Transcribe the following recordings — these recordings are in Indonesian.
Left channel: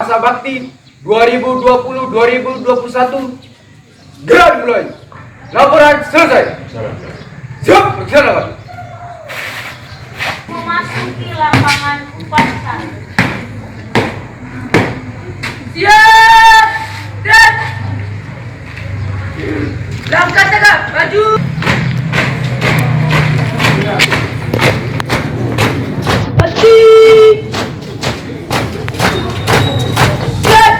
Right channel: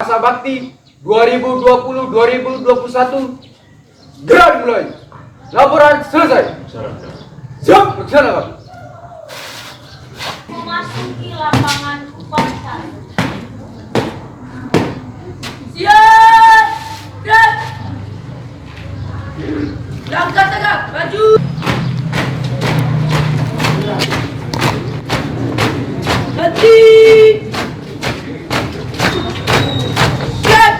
Masa Bakti 2020-2021 gerak mulai. Laporan selesai. Siap, laksanakan. Memasuki lapangan upacara. Siap dan langkah tegak maju. Berhenti. Siap.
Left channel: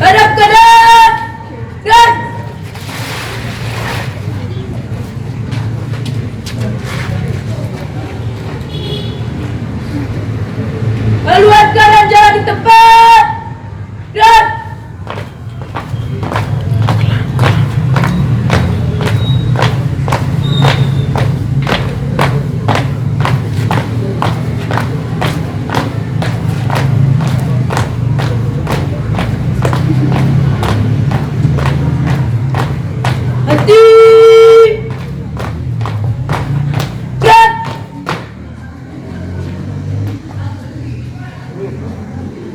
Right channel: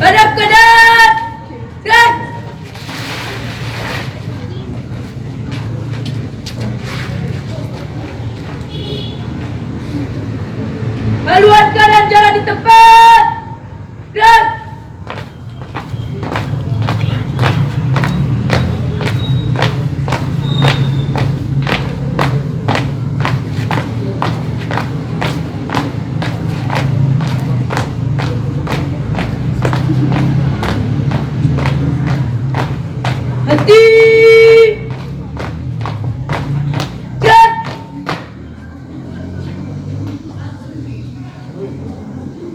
Hadap kanan dan haluan jalan di tempat dan hati dan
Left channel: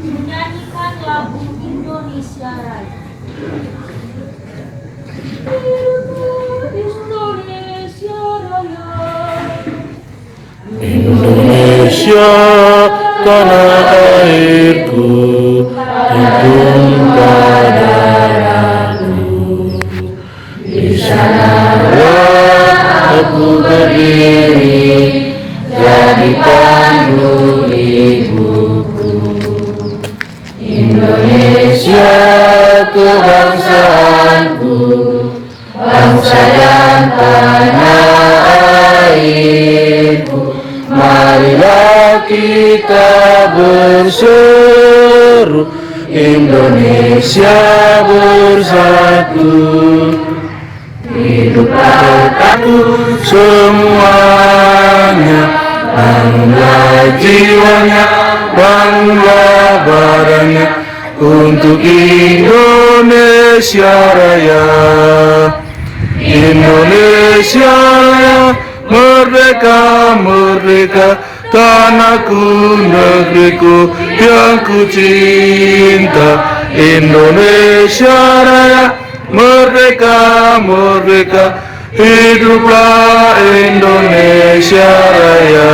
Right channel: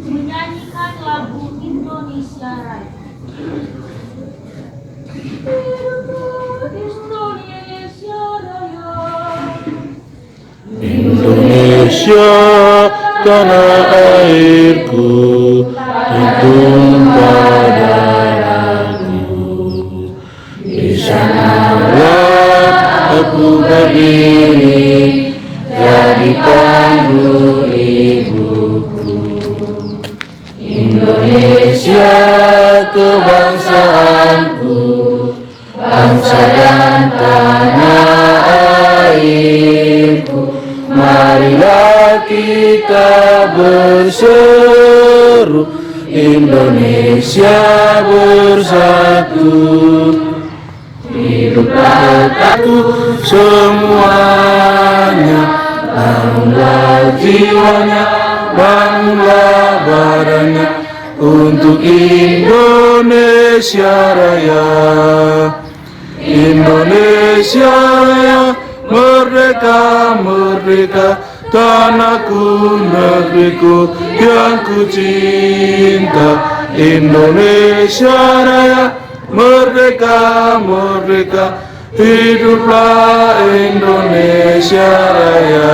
Menyanyikan lagu Indonesia Raya. Indonesia Raya. Indonesia tanah airku, tumpah darahku. Di sanalah aku berdiri, jadi panggung ibuku. Indonesia kebangsaanku, bangsa dan tanah airku. Marilah kita berseru, Indonesia bersatu. Hiduplah aku semuanya, bangunlah jiwanya, bangunlah badannya, untuk Indonesia Raya. Indonesia Raya, merdeka, merdeka, tanahku, negeriku yang ku cinta. Indonesia Raya, merdeka, merdeka, hiduplah Indonesia Raya.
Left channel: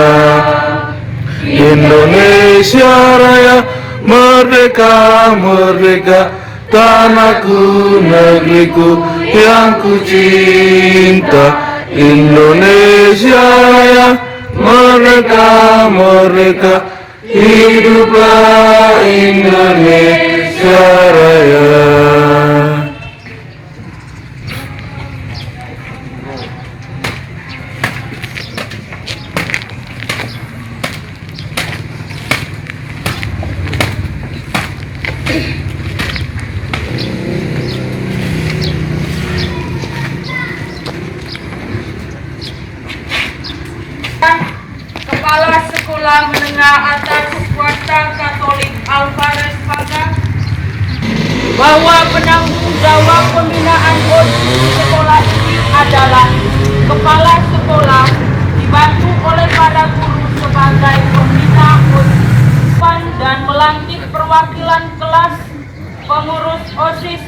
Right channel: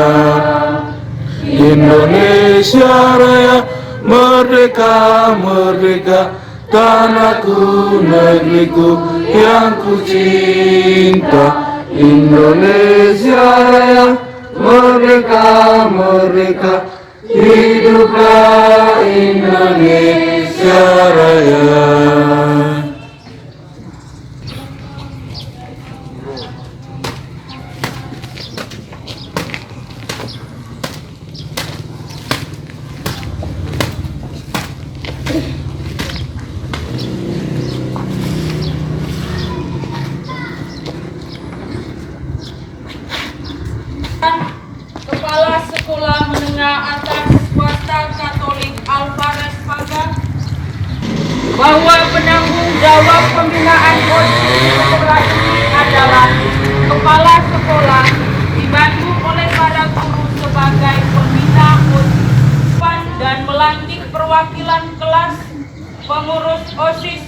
Indonesia Raya, merdeka, merdeka, tanahku, negeriku yang ku cinta. Indonesia Raya, merdeka, merdeka, hiduplah Indonesia Raya. Kepala Sekolah Menengah Atas Swasta Katolik Alvarez Paga bahwa penanggung jawab pembinaan OSIS sekolah ini adalah kepala sekolah dibantu oleh para guru sebagai pembina OSIS dan melantik perwakilan kelas pengurus OSIS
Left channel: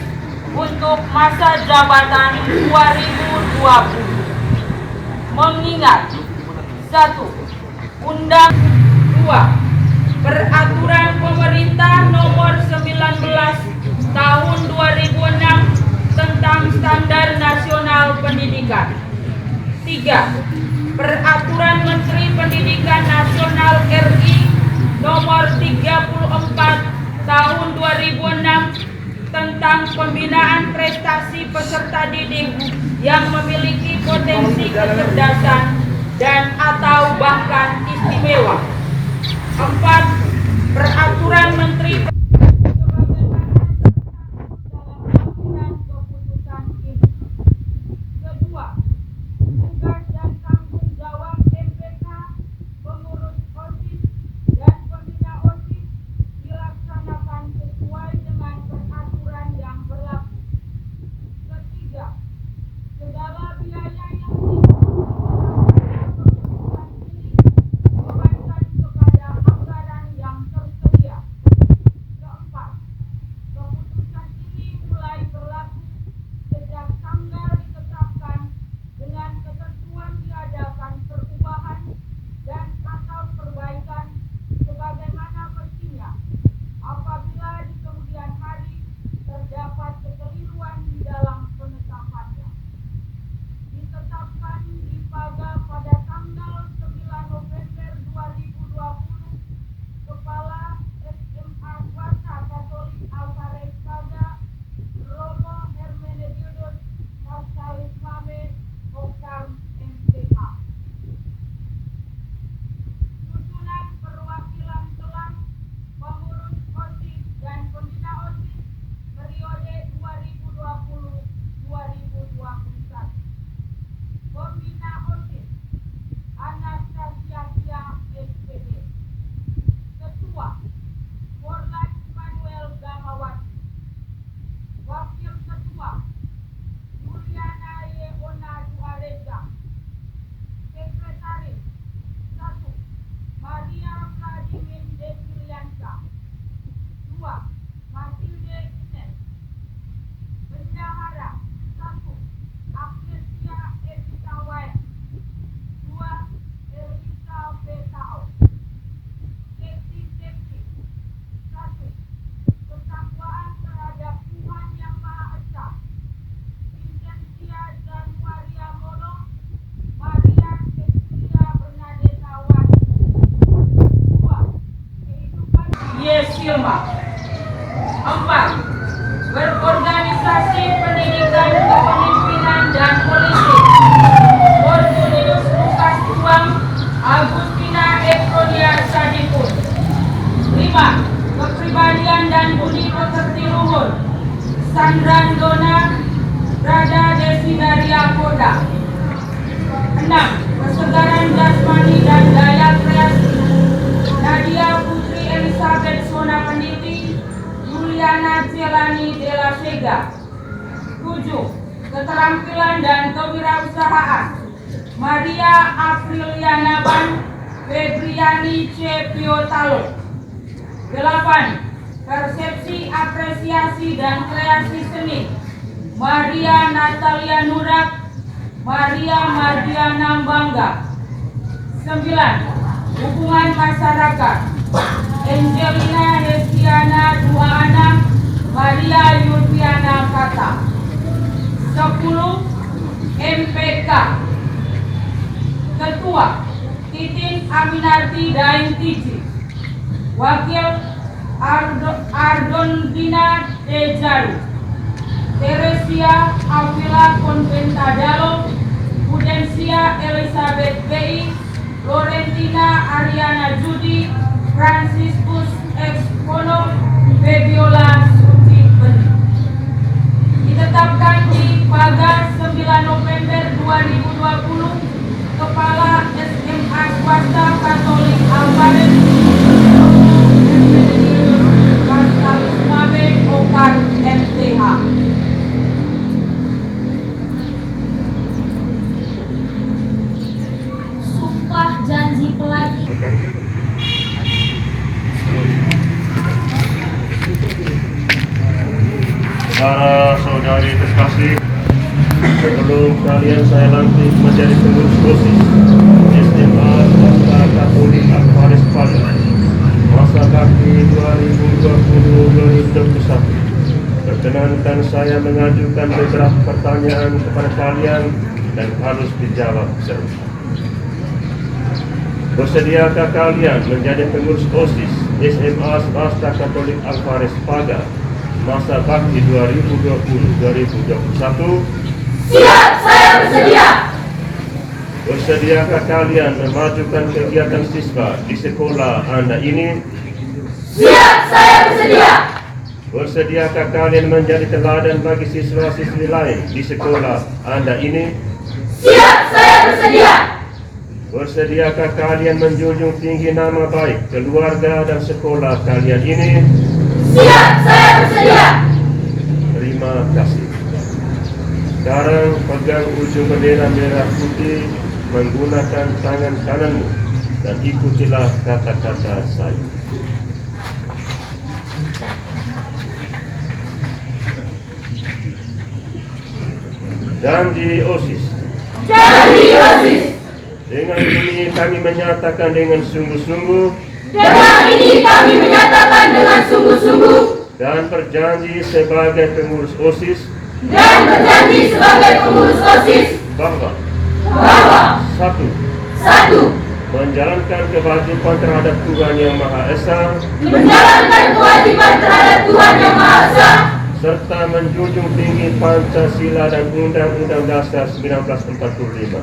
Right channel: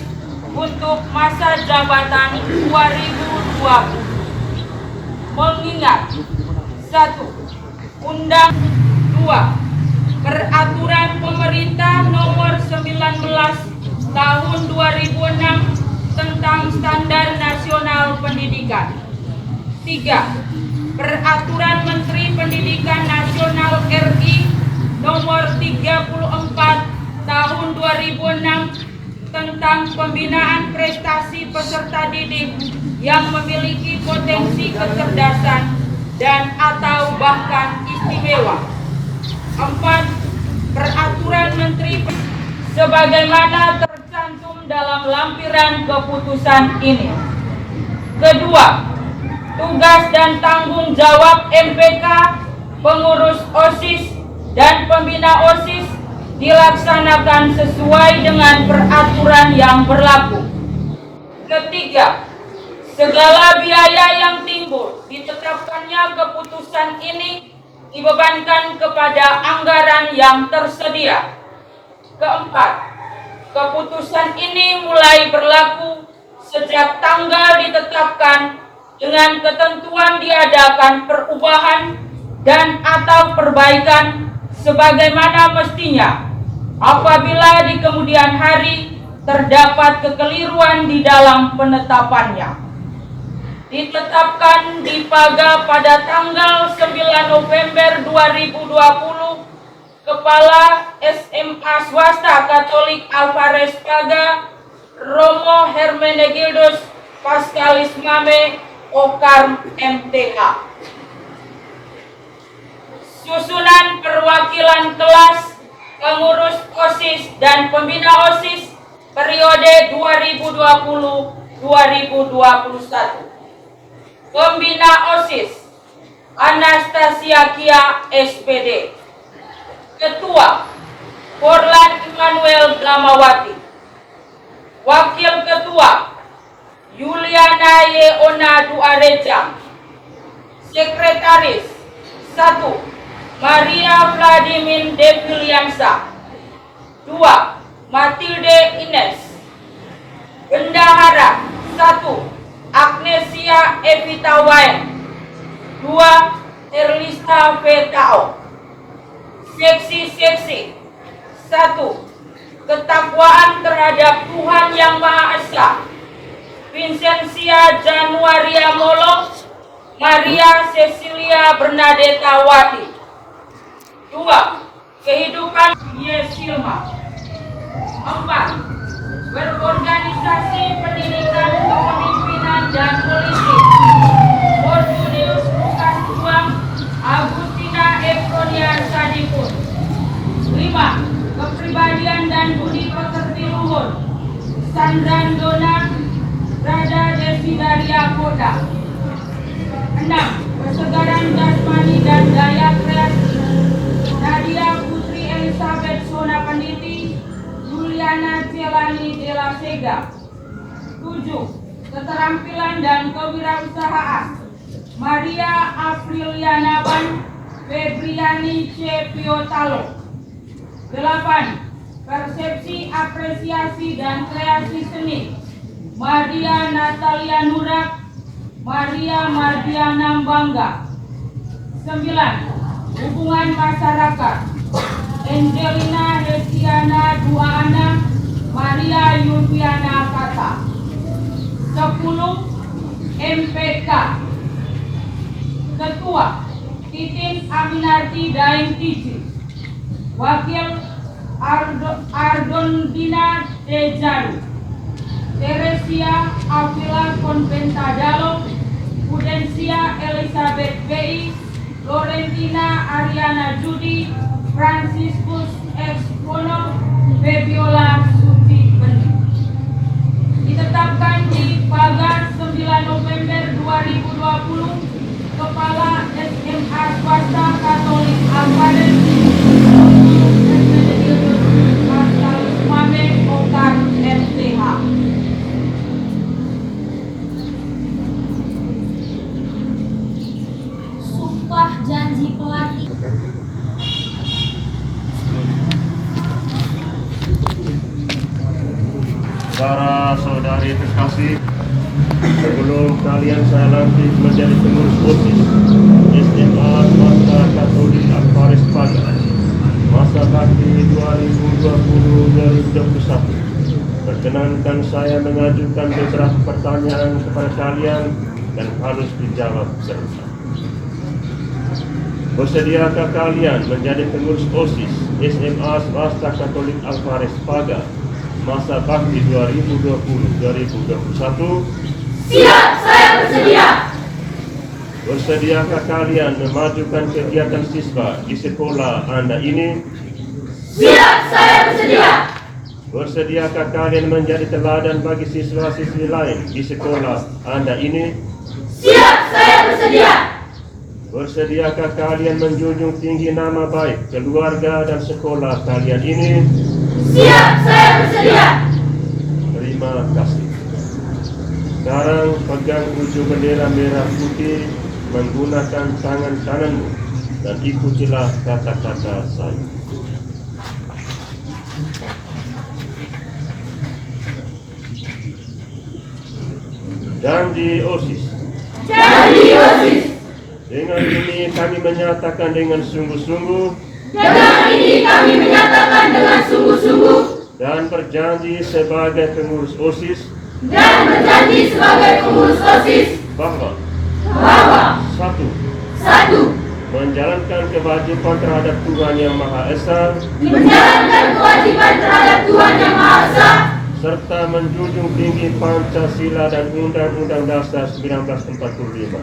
untuk masa jabatan 2020. Mengingat 1. Undang 2. Peraturan Pemerintah Nomor 19 Tahun 2006 tentang Standar Nasional Pendidikan. 3. Peraturan Menteri Pendidikan Nasional RI Nomor 34 Tahun 2006 tentang pembinaan prestasi peserta didik yang memiliki potensi kecerdasan dan atau bahkan istimewa. 4. Peraturan Menteri sebagaimana tercantum dalam lampiran keputusan ini. Kedua, tugas dan tanggung jawab MPK, pengurus OSIS dan pembina OSIS dilaksanakan sesuai dengan peraturan yang berlaku. Ketiga, segala biaya yang timbul ditetapkannya pada anggaran yang tersedia. Keempat, keputusan ini mulai berlaku sejak tanggal ditetapkan dengan ketentuan diadakan perubahan dan atau perbaikan sebagaimana mestinya apabila di kemudian hari terdapat kekeliruan di dalam penetapannya. Ditetapkan di Paga pada tanggal 9 November 2020, Kepala SMA Swasta Katolik Alvarez Paga, Romo Hermenegildos Pascalis Mame, Okar MTH. Susunan perwakilan kelas, pengurus OSIS dan pembina OSIS periode 2020-2021. Pembina OSIS Anastasia Kia SPD. Ketua Forlan Immanuel Dlamawati. Wakil Ketua Yuliana Yeona Duareja. Sekretaris 1. Maria Vladimir Deviliansa. 2. Matilde Ines. Bendahara 1. Agnesia Evita Wayan. 2. Erlista Vetao. Seksi-seksi 1. Ketakwaan terhadap Tuhan Yang Maha Esa, Vincentia Januaria Molo, Maria Cecilia Bernadetta Wati. 2. Kehidupan Yesilma. 4. Berorganisasi pendidikan kepemimpinan dan politik, Fortunius Lukas Juang, Agustina Efrodia Sadipun. 5. Kepribadian dan budi pekerti luhur, Sandran Dona, Rada Desidaria Koda. 6. Kesegaran jasmani dan daya kreasi, Nadia Putri Elizabeth Sona Panditi, Juliana Celani Della Sega. 7. Keterampilan dan kewirausahaan, Maria Apriliana Ban, Febriani C. Piotalo. 8. Persepsi, apresiasi dan kreasi seni, Maria Natalia Nurak, Maria Mardiana Bangga. 9. Hubungan masyarakat, Angelina Hesiana Duaana, Maria Yudhiana Kata. 10. MPK. Ketua Titin Aminarti Daeng Tiji. Wakil Ardondina Dejaru, Teresia Avila Conventadalo, Pudensia Elizabeth B. Florentina Ariana Judi, Franciscus Expono, Febiola Suci Bening. Ditetapkan di Pagar 9 November 2020, Kepala SMA Swasta Katolik Alvarez Pascalis Mame, Okar MTH. Sumpah janji pelatih. Saudara-saudari terkasih, sebelum kalian saya lantik menjadi pengurus OSIS SMA Swasta Katolik Alvarez Paga masa bakti 2020-2021, perkenankan saya mengajukan beberapa pertanyaan kepada kalian dan harus dijawab serta. Bersediakah kalian menjadi pengurus OSIS SMA Swasta Katolik Alvarez Paga masa bakti 2020-2021? Siap, saya bersedia. Bersediakah kalian memajukan kegiatan siswa di sekolah Anda ini? Siap, saya bersedia. Bersediakah kalian menjadi teladan bagi siswa-siswi lain di sekolah Anda ini? Siap, saya bersedia. Bersediakah kalian menjunjung tinggi nama baik keluarga dan sekolah kalian ini? Siap, saya bersedia. Terima kasih. Sekarang pegang ujung bendera merah putih menggunakan tangan kananmu dan ikutilah kata-kata saya. Janji OSIS. Janji OSIS. Dengan ini kami menyatakan dengan sungguh-sungguh Dengan ini kami menyatakan dengan sungguh-sungguh dan berjanji sebagai pengurus OSIS dan berjanji sebagai pengurus OSIS bahwa satu, menjalankan kewajiban terhadap Tuhan Yang Maha Esa menjalankan kewajiban terhadap Tuhan Yang Maha Esa serta menjunjung tinggi Pancasila dan Undang-Undang Dasar 1945.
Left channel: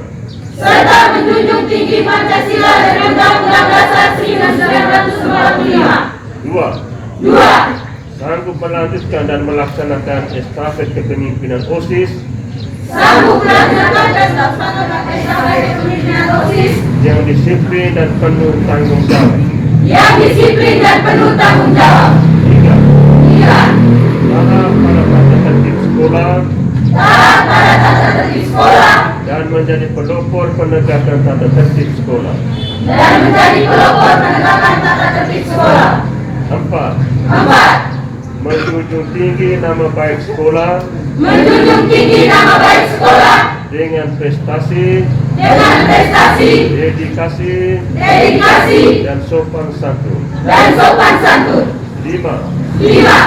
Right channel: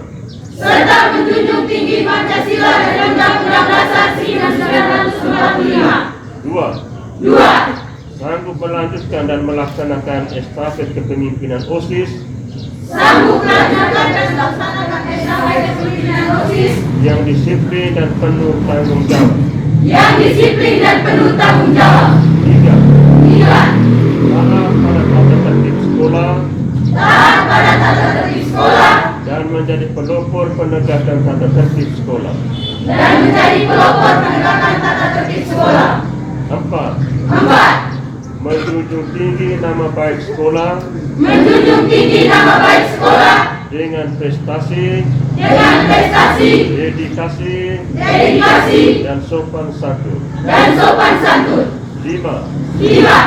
serta menjunjung tinggi Pancasila dan Undang-Undang Dasar 1945. Dua, Sanggup melanjutkan dan melaksanakan estafet kepemimpinan OSIS sanggup melanjutkan dan melaksanakan estafet kepemimpinan OSIS yang disiplin dan penuh tanggung jawab. yang disiplin dan penuh tanggung jawab. Tiga, Tiga, taat pada tata tertib sekolah taat pada tata tertib sekolah dan menjadi pelopor penegakan tata tertib sekolah. dan menjadi pelopor penegakan tata tertib sekolah. Empat, Empat, menjunjung tinggi nama baik sekolah menjunjung tinggi nama baik sekolah dengan prestasi, dedikasi, dedikasi, dan sopan santun. dan sopan santun. Lima, Lima,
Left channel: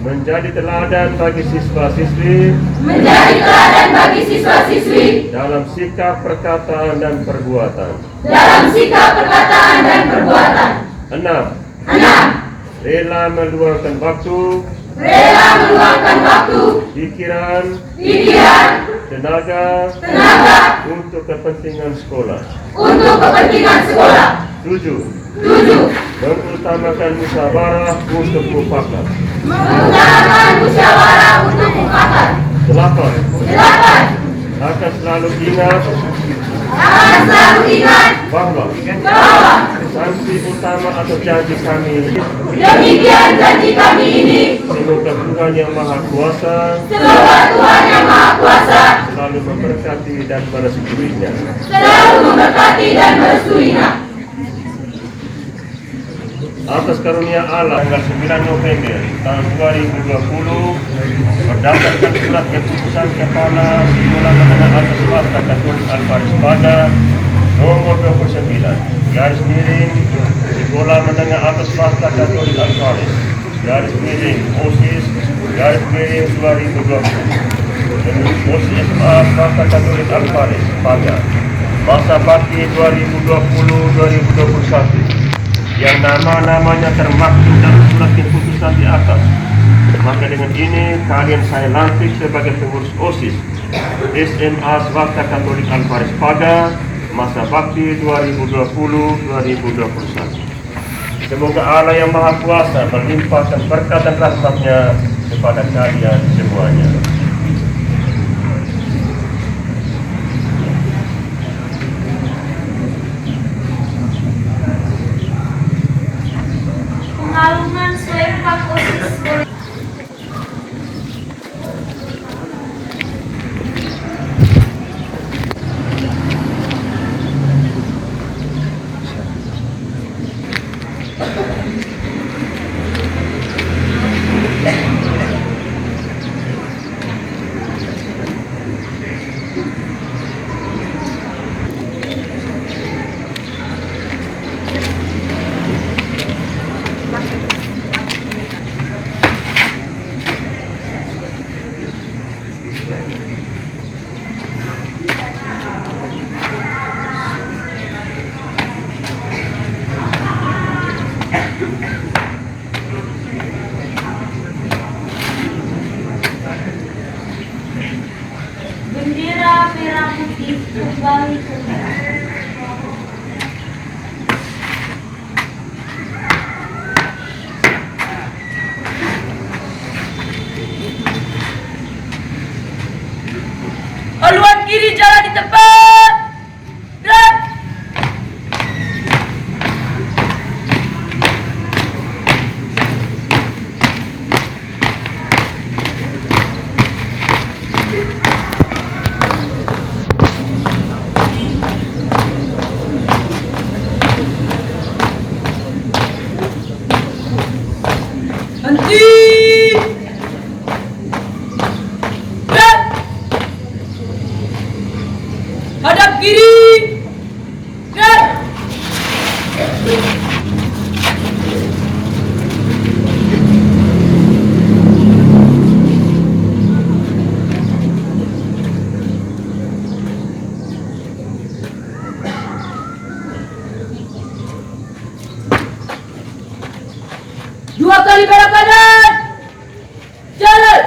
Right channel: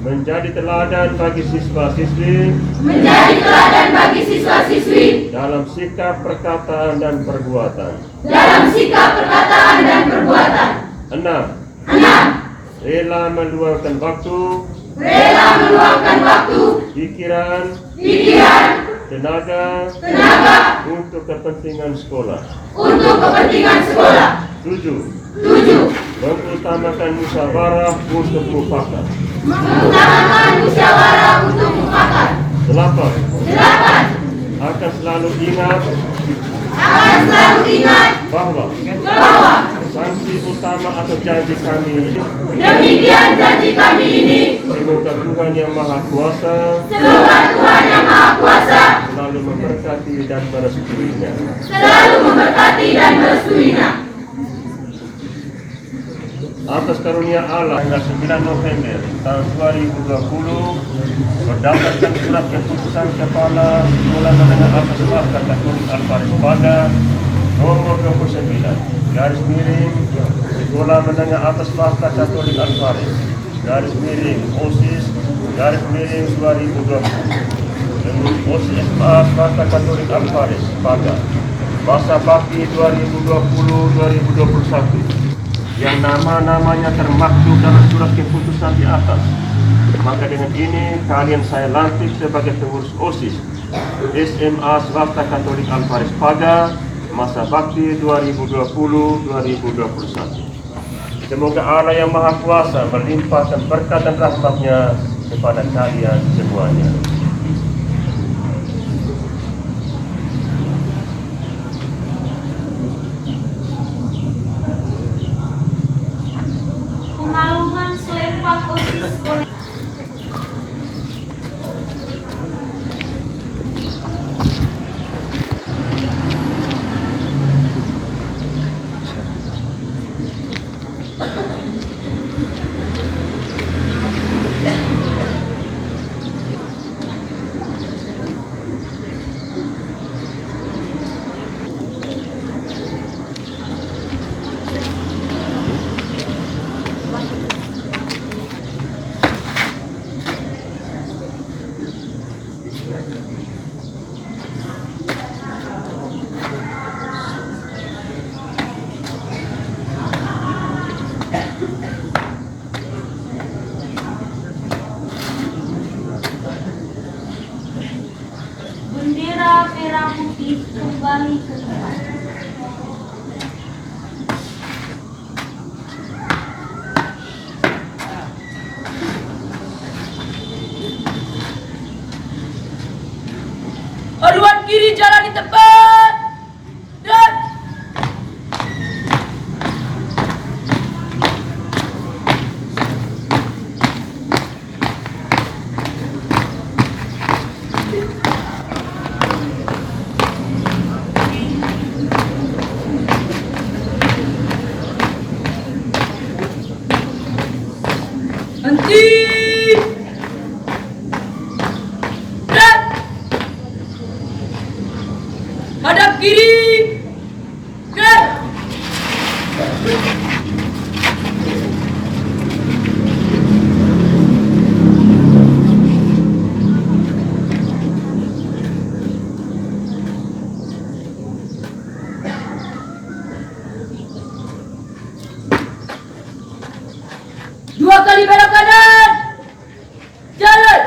menjadi teladan bagi siswa-siswi menjadi teladan bagi siswa-siswi dalam sikap, perkataan, dan perbuatan. dalam sikap, perkataan, dan perbuatan. Enam, Enam, rela meluangkan waktu, rela meluangkan waktu, pikiran, tenaga untuk kepentingan sekolah. untuk kepentingan sekolah. Tujuh, Tujuh, mengutamakan musyawarah untuk mufakat. mengutamakan musyawarah untuk mufakat. Delapan, Delapan, akan selalu ingat akan selalu ingat bahwa bahwa sanksi utama atau janji kami demikian janji kami ini semoga Tuhan Yang Maha Kuasa semoga Tuhan Yang Maha Kuasa selalu memberkati dan merestuinya. selalu memberkati dan merestuinya. Atas karunia Allah tanggal 9 November tahun 2020 berdasarkan surat keputusan Kepala Sekolah Menengah Atas Swasta Katolik Alfaris Paga nomor 29 garis miring Sekolah Menengah Atas Swasta Katolik Alfaris garis miring OSIS garis miring 2020 dengan OSIS Swasta Katolik Alfaris Paga masa bakti 2020-2021 yang nama-namanya termaktub dalam surat keputusan di atas. Maka dengan ini kalian saya lantik sebagai pengurus OSIS SMA Swasta Katolik Alfaris Paga masa bakti 2020-2021. Semoga Allah Yang Maha Kuasa melimpahkan berkat dan rahmat-Nya kepada kalian semuanya. Pengalungan serempak OSIS sekolah. Dua kali belok kanan. Jalan.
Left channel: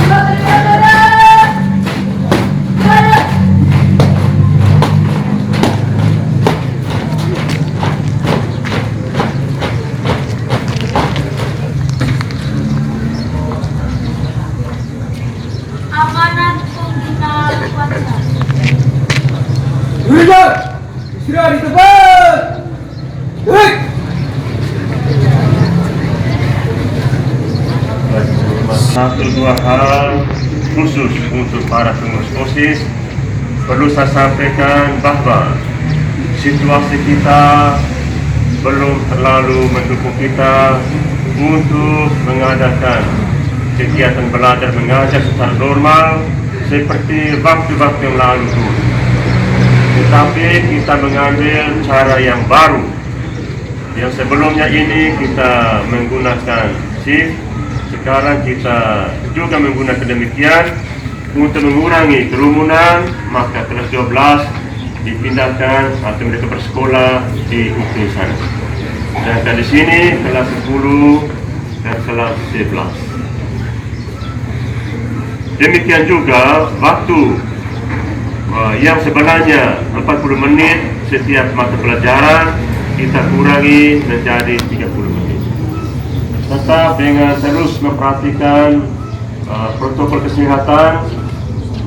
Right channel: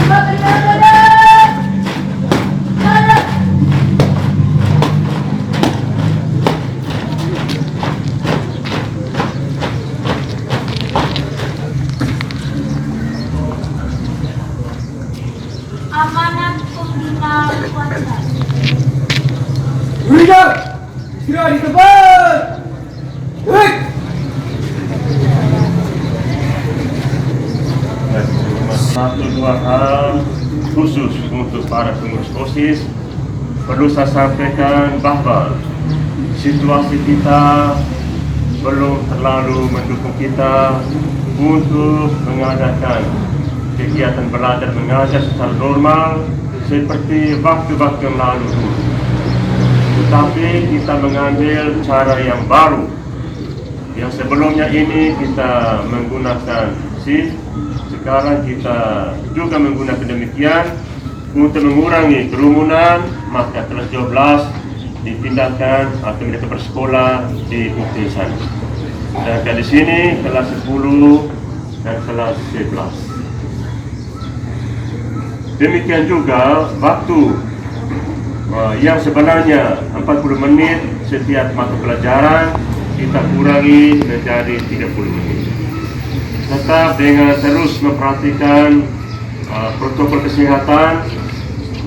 Dua kali belok kanan. Jalan. Amanat pembina kuasa. Berikan istirahat di tempat. Baik. Baik, satu dua hal khusus untuk para pengurus OSIS perlu saya sampaikan bahwa situasi kita belum terlalu mendukung kita untuk mengadakan kegiatan belajar mengajar secara normal seperti waktu-waktu yang lalu dulu. Tetapi kita mengambil cara yang baru. Yang sebelumnya ini kita menggunakan shift, sekarang kita juga menggunakan demikian untuk mengurangi kerumunan. Maka kelas 12 dipindahkan atau mereka bersekolah di UPI sana. Dan di sini kelas 10 dan kelas 11. Demikian juga waktu yang sebenarnya 40 menit setiap mata pelajaran kita kurangi menjadi 30 menit. Tetap dengan terus memperhatikan protokol kesehatan,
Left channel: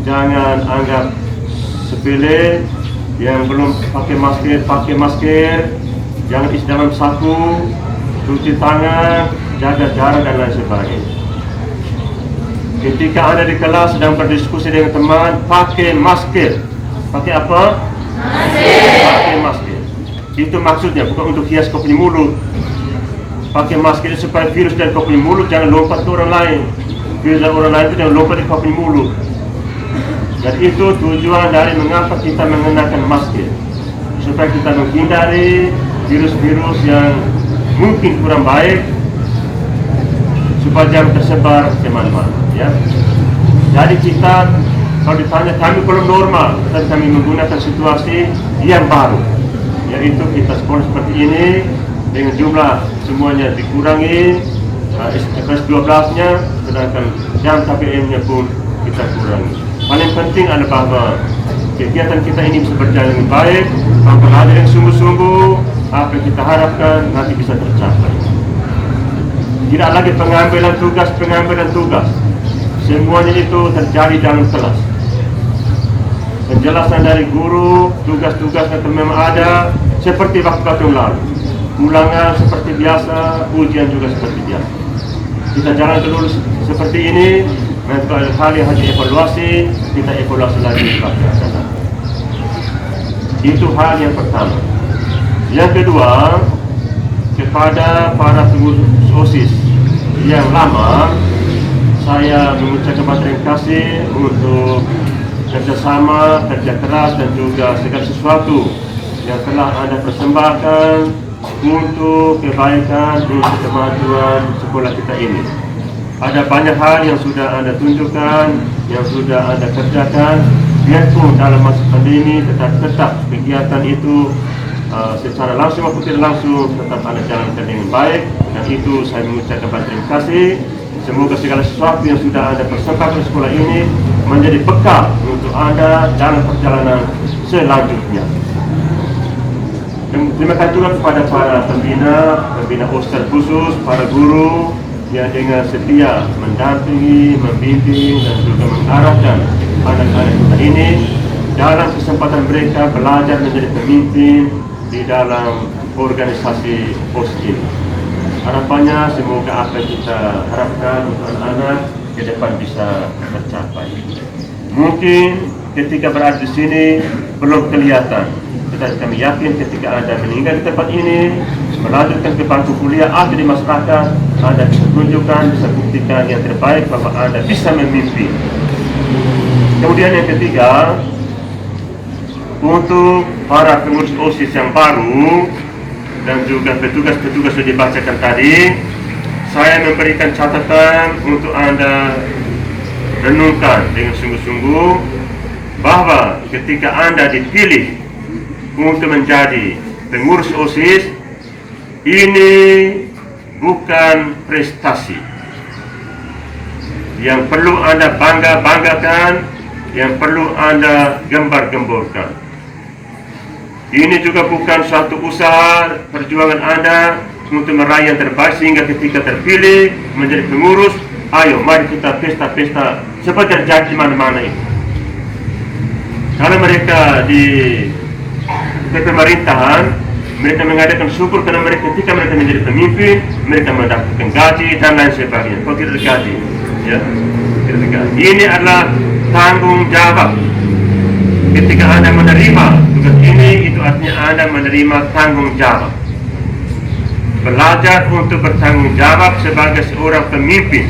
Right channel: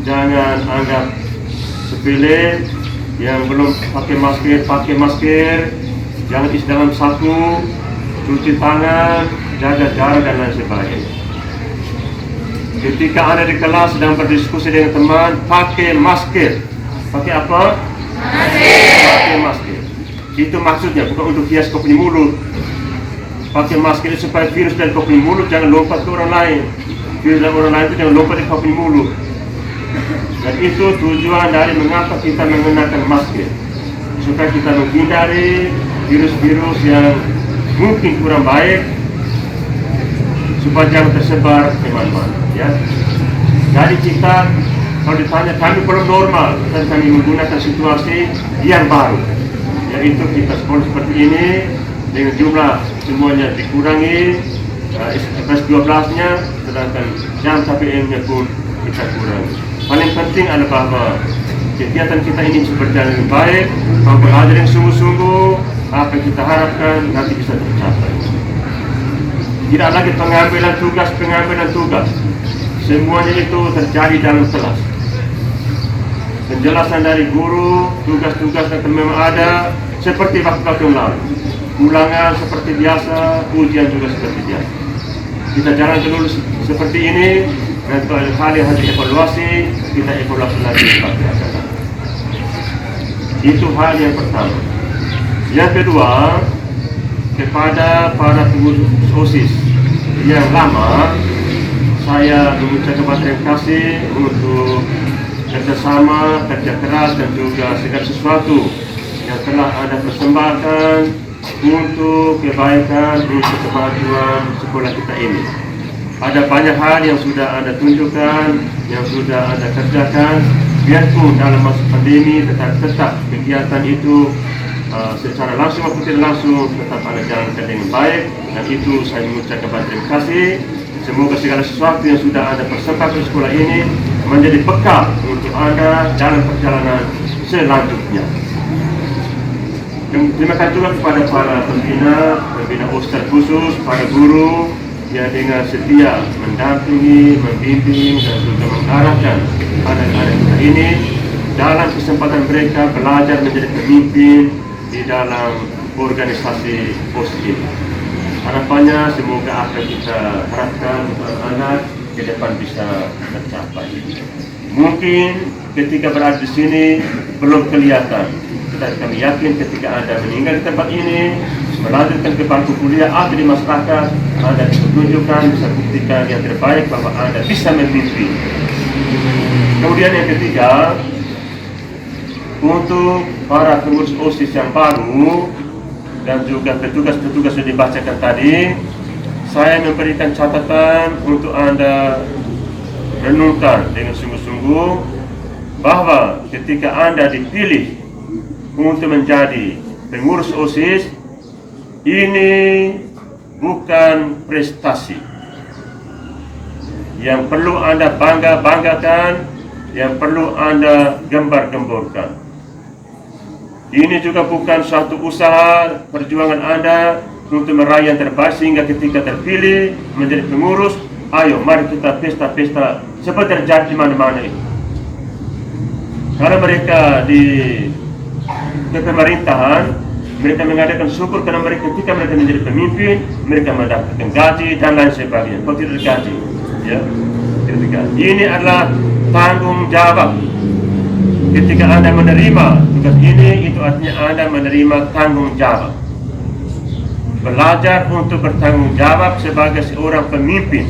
jangan anggap sepele. Yang belum pakai masker, jangan isi dalam saku, cuci tangan, jaga jarak dan lain sebagainya. Ketika Anda di kelas sedang berdiskusi dengan teman, pakai masker. Pakai apa? Masker. Pakai masker. Itu maksudnya, bukan untuk hias kau punya mulut. Pakai masker itu supaya virus dari kau punya mulut jangan lompat ke orang lain. Virus dari orang lain itu jangan lompat ke kau punya mulut. Dan itu tujuan dari mengapa kita mengenakan masker. Supaya kita menghindari virus-virus yang mungkin kurang baik, supaya jangan tersebar kemana-mana, ya. Jadi kita, kalau ditanya kami belum normal, dan kami menggunakan situasi yang baru, yaitu kita sekolah seperti ini dengan jumlah semuanya dikurangi, kelas 12-nya, sedangkan jam KPM-nya pun kita kurangi. Paling penting adalah bahwa kegiatan kita ini bisa berjalan dengan baik, mempelajari yang sungguh-sungguh, apa yang kita harapkan nanti bisa tercapai. Tidak lagi pengambilan tugas. Semuanya itu terjadi dalam kelas. Penjelasan dari guru, tugas-tugas yang memang ada seperti waktu-waktu yang lalu. Ulangan seperti biasa, ujian juga seperti biasa. Kita jalan dulu seperti ini, nanti kalau ada hal yang harus dievaluasi, kita evaluasi lagi seperti biasa. Itu hal yang pertama. Yang kedua, kepada para pengurus OSIS yang lama, saya mengucapkan terima kasih untuk kerjasama, kerja keras dan juga segala sesuatu yang telah Anda persembahkan untuk kebaikan, untuk kemajuan sekolah kita ini. Ada banyak hal yang sudah Anda tunjukkan, yang sudah Anda kerjakan, biarpun dalam masa pandemi tetap kegiatan itu secara langsung maupun tidak langsung tetap Anda jalankan dengan baik, dan itu saya mengucapkan terima kasih. Semoga segala sesuatu yang sudah Anda persembahkan di sekolah ini menjadi bekal untuk Anda dalam perjalanan selanjutnya. Terima kasih juga kepada para pembina OSIS khusus, para guru yang dengan setia mendampingi, membimbing dan juga mengarahkan anak-anak kita ini dalam kesempatan mereka belajar menjadi pemimpin di dalam organisasi OSIS ini. Harapannya semoga apa yang kita harapkan untuk anak-anak ke depan bisa tercapai. Mungkin ketika berada di sini belum kelihatan, kami yakin ketika Anda meninggal di tempat ini, melanjutkan ke bangku kuliah atau di masyarakat, Anda bisa tunjukkan, bisa buktikan yang terbaik bahwa Anda bisa memimpin. Kemudian yang ketiga, untuk para pengurus OSIS yang baru dan juga petugas-petugas yang dibacakan tadi, saya memberikan catatan untuk Anda renungkan dengan sungguh-sungguh bahwa ketika Anda dipilih untuk menjadi pengurus OSIS, ini bukan prestasi yang perlu Anda bangga-banggakan, yang perlu Anda gembar-gemborkan. Ini juga bukan suatu usaha perjuangan Anda untuk meraih yang terbaik sehingga ketika terpilih menjadi pengurus, ayo mari kita pesta-pesta seperti terjadi di mana-mana ini. Kalau mereka di pemerintahan, mereka mengadakan syukur karena mereka ketika mereka menjadi pemimpin, mereka mendapatkan gaji dan lain sebagainya. Kalau tidak gaji, ya, tidak gaji. Ini adalah tanggung jawab. Ketika Anda menerima tugas ini, itu artinya Anda menerima tanggung jawab. Belajar untuk bertanggung jawab sebagai seorang pemimpin.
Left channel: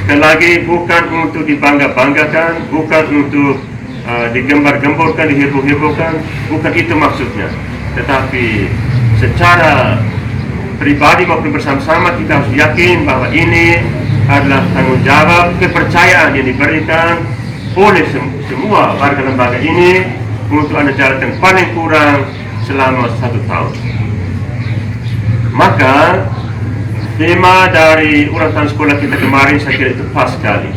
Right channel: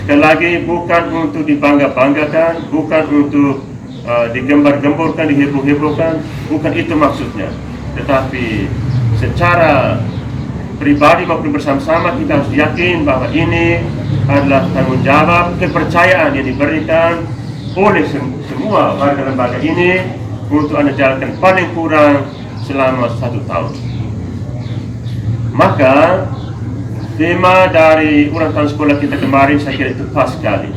Sekali lagi, bukan untuk dibangga-banggakan, bukan untuk digembar-gemborkan, diheboh-hebohkan, bukan itu maksudnya. Tetapi secara pribadi maupun bersama-sama kita harus yakin bahwa ini adalah tanggung jawab, kepercayaan yang diberikan oleh semua warga lembaga ini untuk Anda jalankan paling kurang selama 1 tahun. Maka tema dari ulang tahun sekolah kita kemarin saya kira itu pas sekali.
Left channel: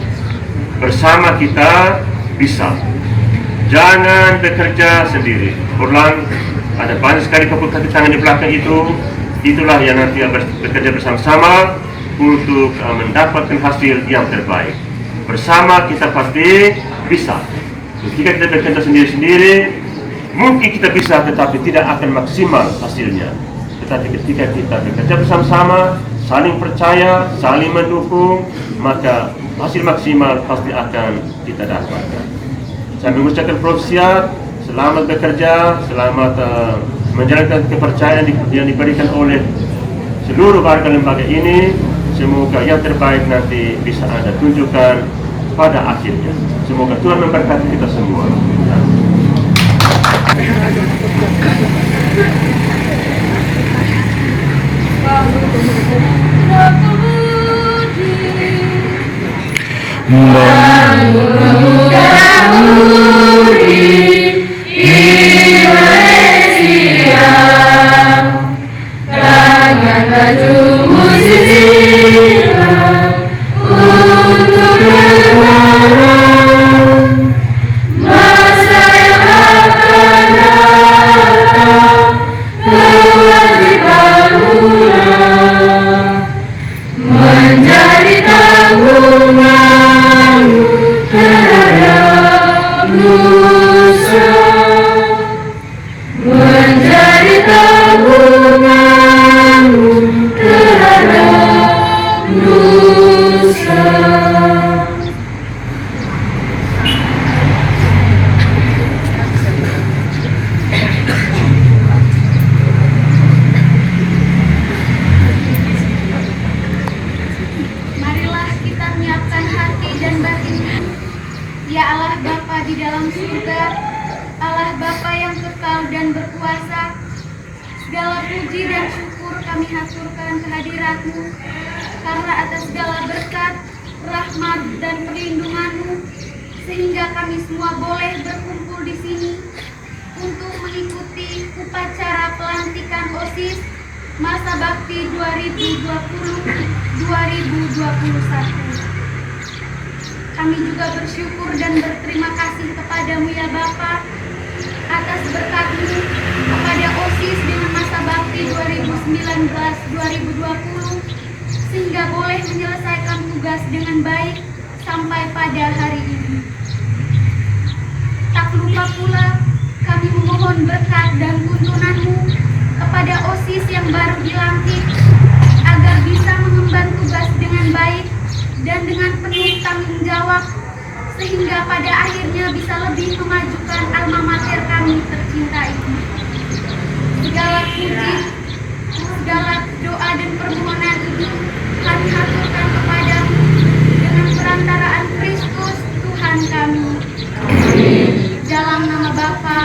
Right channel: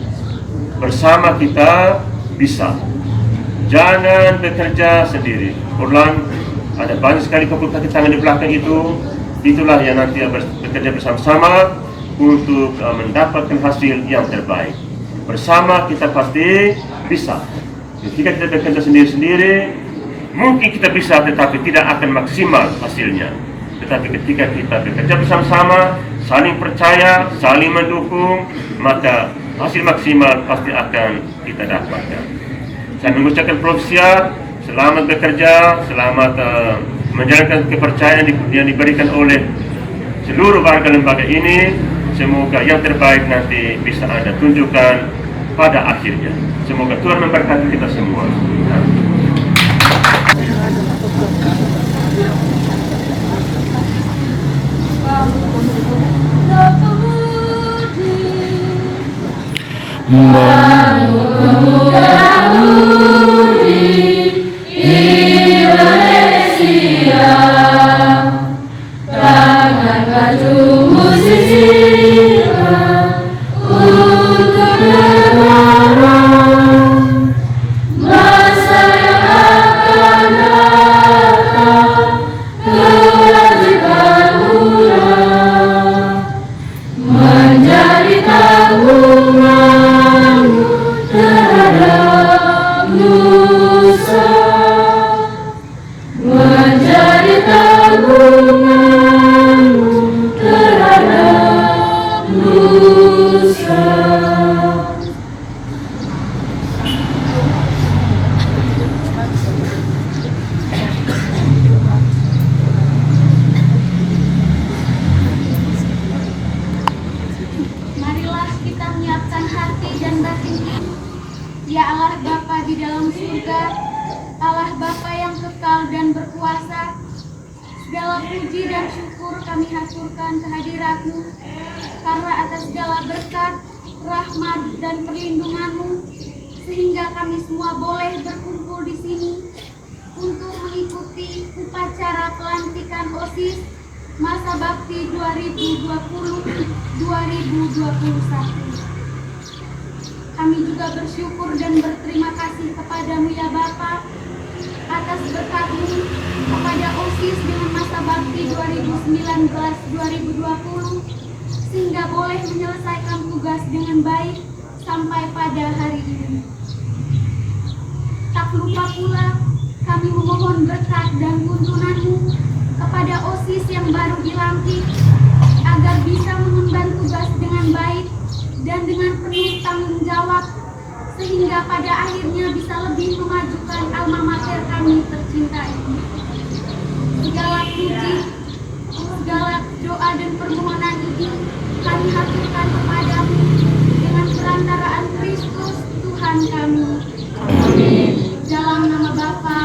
Bersama kita bisa. Jangan bekerja sendiri. Ulang, ada banyak sekali kaki tangan di belakang itu. Itulah yang nanti bekerja bersama-sama untuk mendapatkan hasil yang terbaik. Bersama kita pasti bisa. Jika kita bekerja sendiri-sendiri, mungkin kita bisa tetapi tidak akan maksimal hasilnya. Tetapi ketika kita bekerja bersama-sama, saling percaya, saling mendukung, maka hasil maksimal pasti akan kita dapatkan. Saya mengucapkan profesiat, selamat bekerja, selamat menjalankan kepercayaan yang diberikan oleh seluruh warga lembaga ini. Semoga yang terbaik nanti bisa Anda tunjukkan pada akhirnya. Semoga Tuhan memberkati kita semua. Marilah kita menyiapkan hati dan batin. Ya Allah Bapa di dalam surga, Allah Bapa yang kekal dan berkuasa, segala puji dan syukur kami haturkan kehadirat-Mu, karena atas segala berkat, rahmat dan perlindungan-Mu, sehingga kami semua boleh berkumpul di sini untuk mengikuti upacara pelantikan OSIS masa bakti 2020-2021. Kami juga bersyukur dan berterima kasih kepadamu ya Bapa atas berkat-Mu kepada OSIS dengan masa bakti 2019-2020 sehingga boleh menyelesaikan tugas dengan baik sampai pada hari ini. Tak lupa pula kami memohon berkat dan tuntunan-Mu kepada OSIS yang baru dilantik agar bisa mengemban tugas dengan baik dan dengan penuh tanggung jawab sehingga pada akhirnya bisa lebih memajukan alma mater kami tercinta ini. Segala puji, segala doa dan permohonan ini kami haturkan kepadamu dengan perantaraan Kristus Tuhan kami. Dalam nama Bapa